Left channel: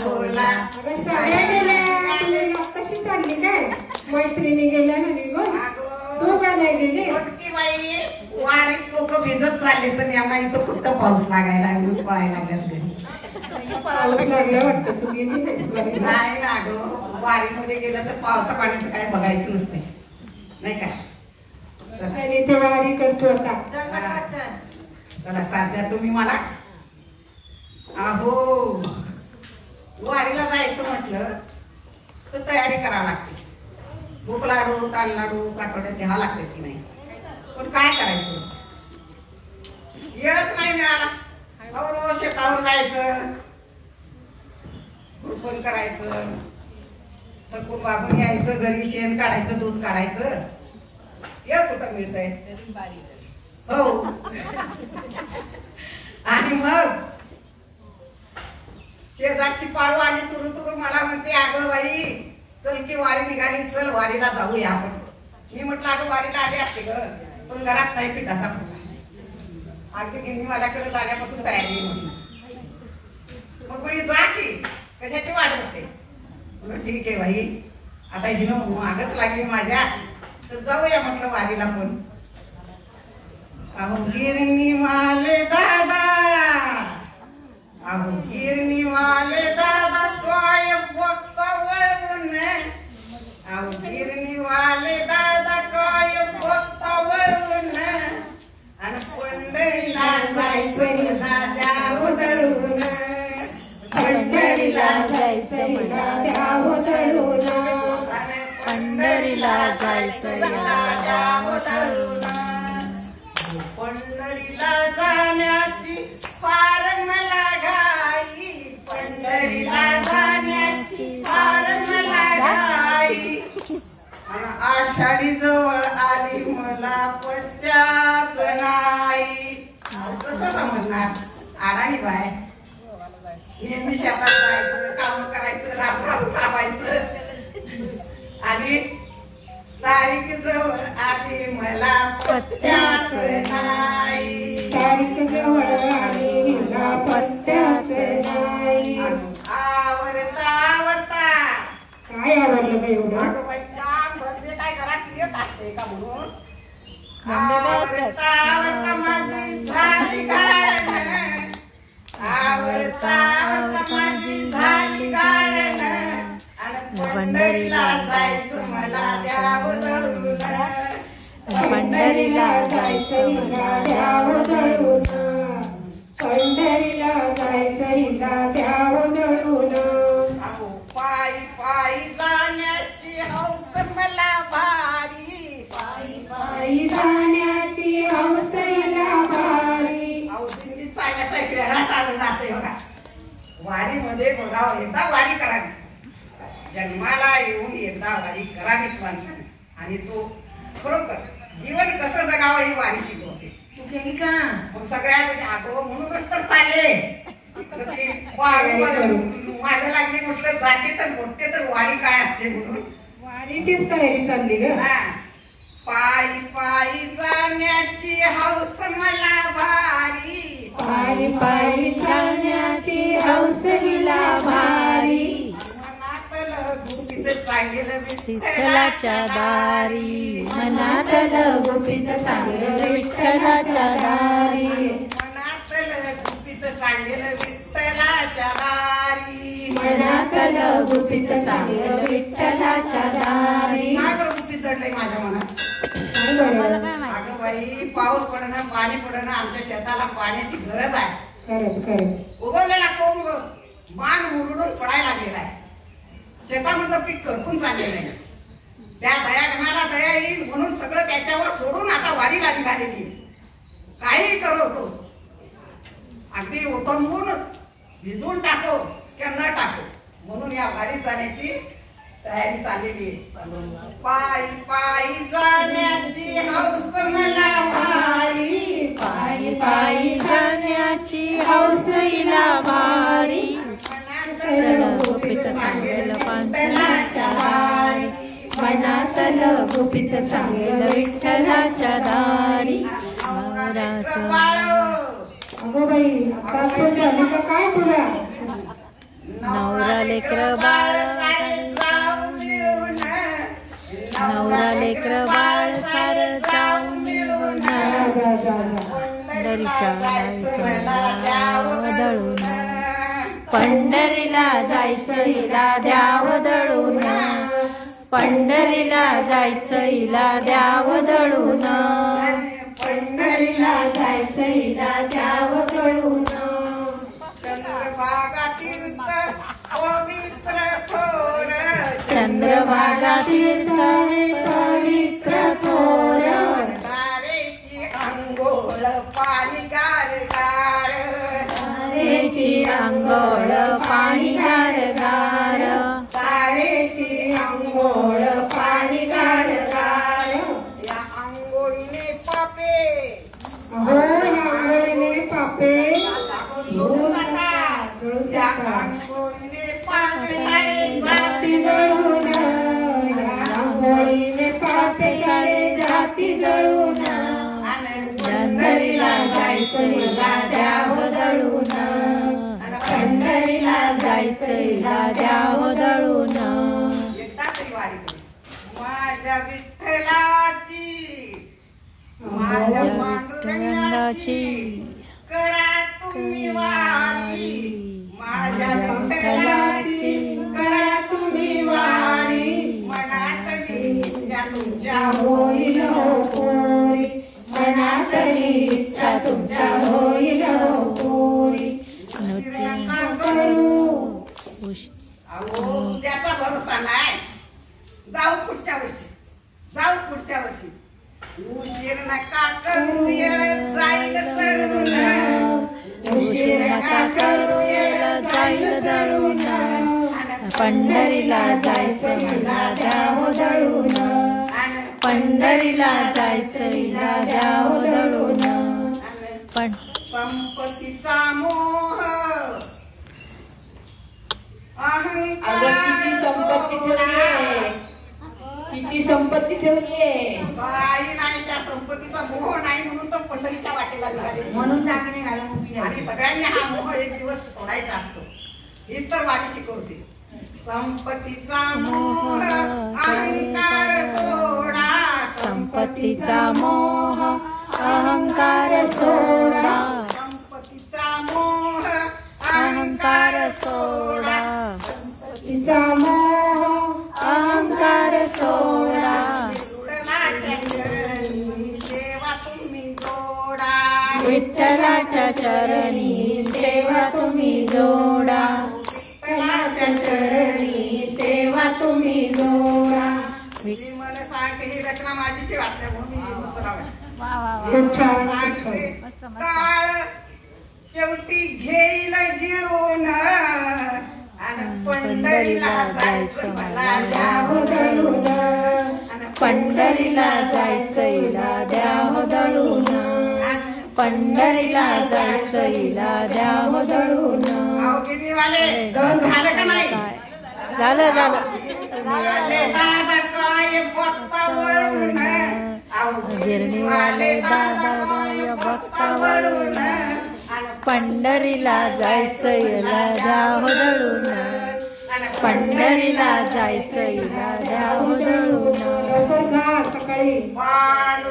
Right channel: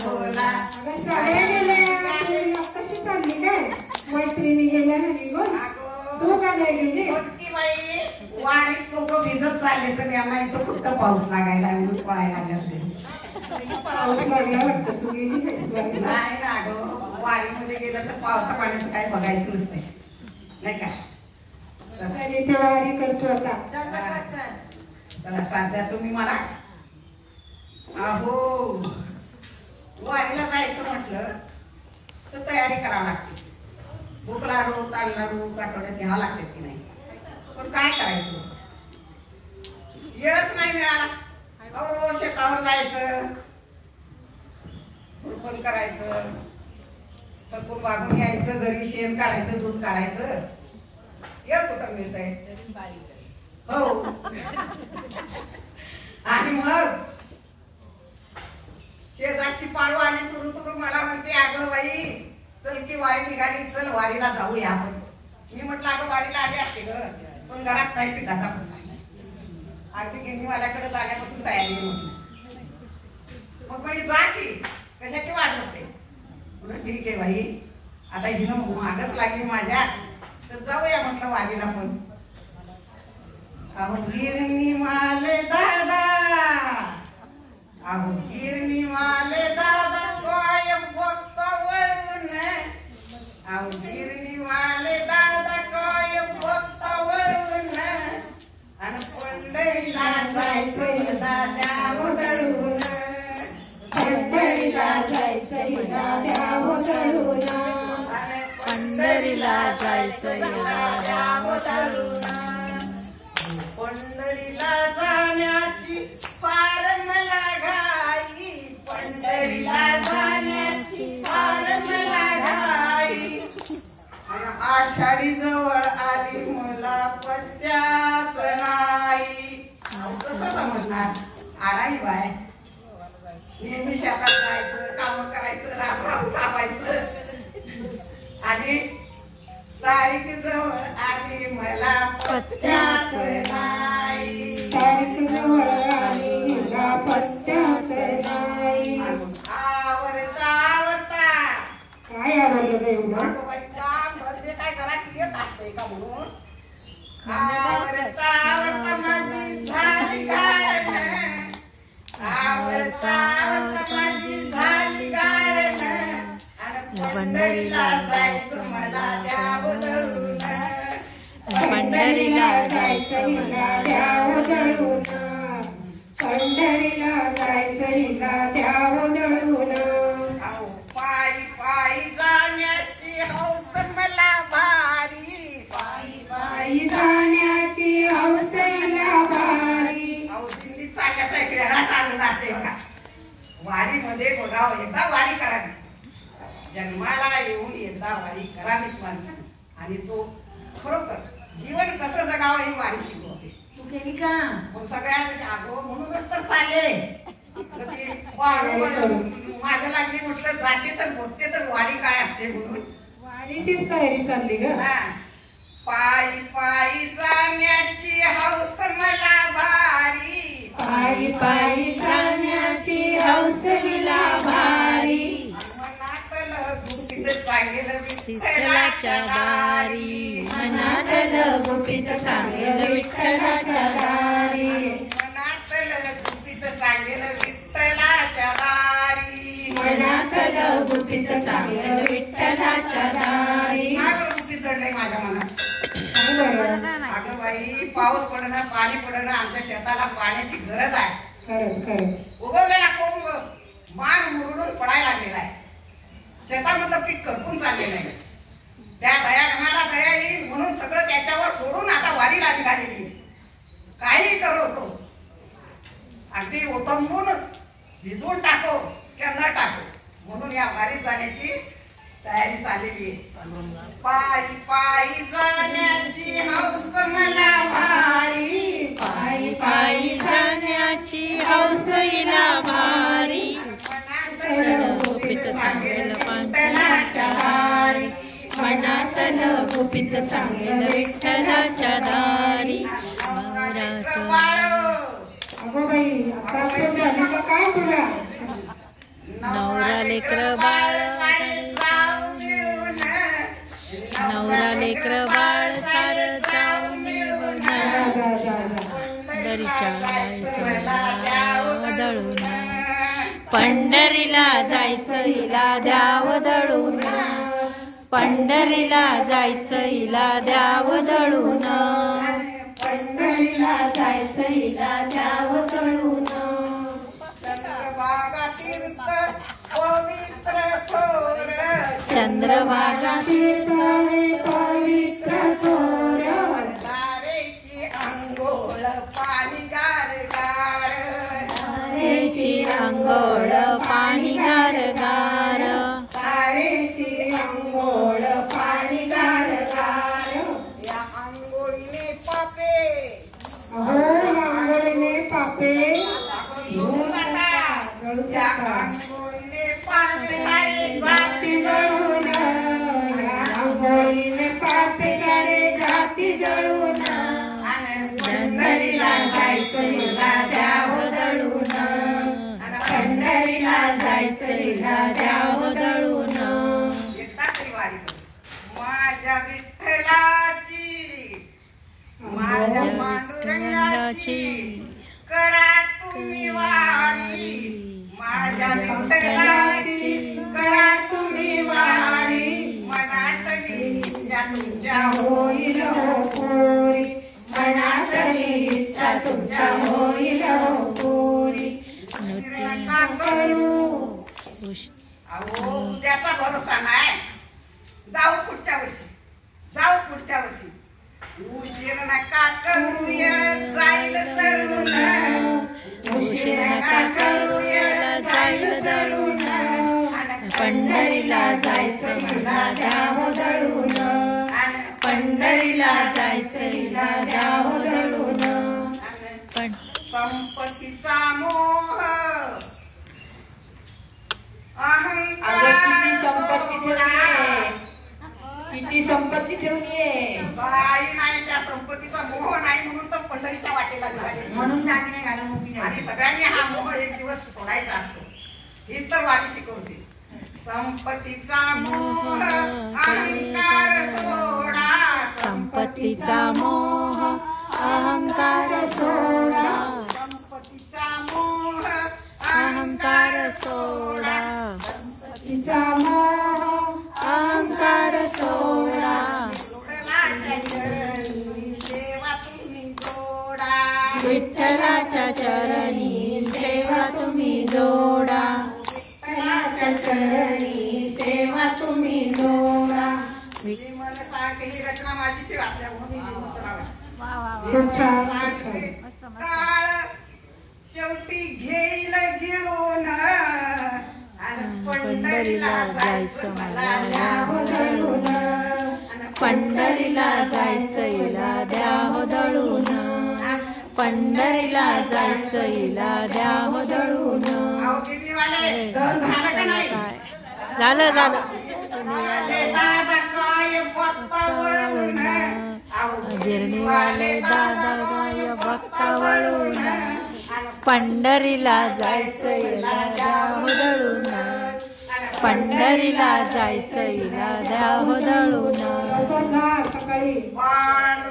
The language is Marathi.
बोला. कशी चालली काय मैत्रिणी गेल्या म्हणे गो तू का नाही गेली ती बाई वारीत लोक भिजत चालले तर यांना इथं कुठं पाऊस लागायला लागला पळायला लागला पाऊस लागला वाटतं तू गेली नाही अगं वारीमध्ये गेलं तर पावसा पाण्याचं काय बघायचं नसते नाही का ते वारी करतो आता चला साध्या तुम्ही मला अहो वारीला जायचं म्हटलं तर तयारी करावी लागते भूक लाडू ताल लाडू काटोड्यात घ्यावा लागते की नाही पण काय करायचं वेळच नाही मिळाला अहो शेतावर जायचं कुरपण करायचं थकून वागून यायचं घरी शेण काढायचं दूध काढायचं वेळ कुठं मिळतंय हो आणि मग शेजारची पारू आली तुरु तुरु मला म्हणते अगं बाई चल की वारी निघाली चल वारीला जाऊया आपण मी म्हटलं अगं वारीला आली असते ग पण घरात नाही पिठाचा अगदी गिरणी माझ्याकडे जाण्यापासून तयारी नव्हती मग म्हणे जा की कशाची वाट बघते म्हणून ठीक आहे बाई आता हिनं मागच लागली माझ्या तर जाऊया म्हटलं वारीला पण अहो गिरणी वाले दादा अहो गिरणी वाले दादा काय बघता वळून अहो गिरणी वाले दादा काय बघता वळून आणि पंढरीला जायचं द्यावं दळून पंढरीला जायचं द्यावं दळून पंढरीला जायचं द्यावं दळून पंढरीला जाण्याची फार मला घाई पंढरीला जाण्याची फार मला घाई आषाढी जवळ आली मला पट्ट्याच नाही कसं समजणार आडाणी बाय नेहमी शेतात जायचं काम करायचं राम राम थांबायचं आणि तारीख जवळ आली मला पत्त्याच नाही तारीख जवळ आली मला पत्त्याच नाही आवडता आवडता काय आवडलं बाई एवढं काम भरते काय घरात येत असते का म्हणून आवडता आवडता माझी झाली गाळण आवडता आवडता माझी झाली गाळण पंढरीला जायचं मला द्यावं दळून पंढरीला जायचं मला द्यावं दळून पंढरीला जायचं हिला द्यावं दळून पायी पायी जाण्याची हौस मला भारी पायी पायी जाण्याची हौस हिला भारी दिल्ली चालण्याचा एक वेळा चालू जाते बघा वारीमध्ये बघा एकदा वारी करावी जन्माला येऊन एकदा वारी करावीच माणसाने आणि तो खरोखर जीवन कसं जगावं ही वारी शिकवते तू केली का मग सगळ्या अगो म्हणूनच तर चालले माझ्या लागली म्हटलं जाते तर बघते तर वारी काय असते म्हणून वारीचीच तयारी चालली ग पायी पायी जाण्याची हौस मला भारी पायी पायी जाण्याची हौस हिला भारी विठ्ठलाच्या दारी मनातलं गुपित सांगेल विठ्ठलाच्या दारी मनातलं गुपित सांगेल विठ्ठलाच्या दारी मनातलं गुपित सांगेल विठ्ठलाच्या दारी माझं गुपित दडलंय माझ्या मनात अगं बाई पाऊस पडणं पाणी पडणं आमच्या शेताला पाण्याची गरज आहे खरंच खरंच उगवलेला कोंब मान मुरडून पडायला लागलेला आहे शेतामधलं पीक करपून चाललेलं आहे त्या दयागणाला दया येईल म्हणून सगळं त्याच्यावर सोडून आता वारीला निघालेली काही करतो अगदी ओतंबून भिजवून टाको किंवा न टाको म्हणून या वारीत जाण्याची तयारी चाललेली आहे पायी पायी जाण्याची हौस मला भारी पायी पायी जाण्याची हौस हिला भारी गुपित सांगेल पंढरीच्या दारी मनातलं गुपित सांगेल विठ्ठलाच्या दारी अगो बाई आता झाली का काय तुला नवरा लेकर बाळ नवरा लेकर बाळ सार जाऊ मिळून पंढरीच्या दळून पंढरीला जायचं हिला द्याव दळून पंढरीला जायचं हिला द्याव दळून पंढरीला जायचं हिला द्याव दळून चंद्रभागा तीर्थ पवित्र थोर चंद्रभागा तीर्थ पवित्र थोर दारेची अंघोळ पाणी गार गार तारेची अंघोळ पाणी गार गार तारेची अंघोळ पाणी गार गार या अंघोळीने पापे आंघोळीने पापे धुवून जातात या अंघोळीने पापे सारे जाती जळून आंघोळीने पापे सारे जाती जळून पंढरीला जायचं हिला द्याव दळून पंढरीला जायचं हिला द्याव दळून माझ्या विठ्ठलाची माझ्या पांडुरंगाची करा तुम्ही वारी माझ्या विठ्ठलाची करा तुम्ही वारी मनातली इच्छा तुमच्या होईल हो पोरी मनातली इच्छा तुमच्या होईल हो पोरी नका करू अहो त्याचा भरोसा नाही जाऊ पुढच्या वर्षी उशीर नका करू येळ जाईल तरुण उशीर नका करू येळ जाईल दळून पंढरीला जायचं हिला द्याव दळून पंढरीला जायचं हिला द्याव दळून संपत्तीचा मोह किती संपत्ती ठेवलीये काही नाही त्या संपत्तीचा मोह नाही म्हणून तर पंढरीच्या वाटेला निघाले म्हणून सांगणे घाला आणि सगळ्यांनी हा मोह एक दिवस सोडायचा असतो हीच तर वारी शिकवते संपत्तीचा मोह अहंकार सोडा संपत्तीचा मोह अहंकार सोडा संपत्तीचा मोह अहंकार सोडा तिचा मोह अहंकार सोडा सेवा तुम्ही जोडा विठ्ठलाच्या चरणी सेवा तुम्ही जोडा विठ्ठलाच्या चरणी सेवा तुम्ही जोडा मी मला सांगते ही रचना माझीची वाचल्यामुळे मी म्हणतो नाव खूप छान सांगते काळ शेवटी घेईल गिळून आणि पंढरीला जायचं मला द्याव दळून पंढरीला जायचं हिला द्याव दळून पंढरीला जायचं हिला द्याव दळून अवघिनीवाले झालं का नाही काय झालं झालं दादा काय बघता वळून गिरणीवाले दादा गाय बघता वळून पंढरीला जायचं हिला द्याव दळून पंढरीला जायचं हिला द्याव दळून सकाळी बाळ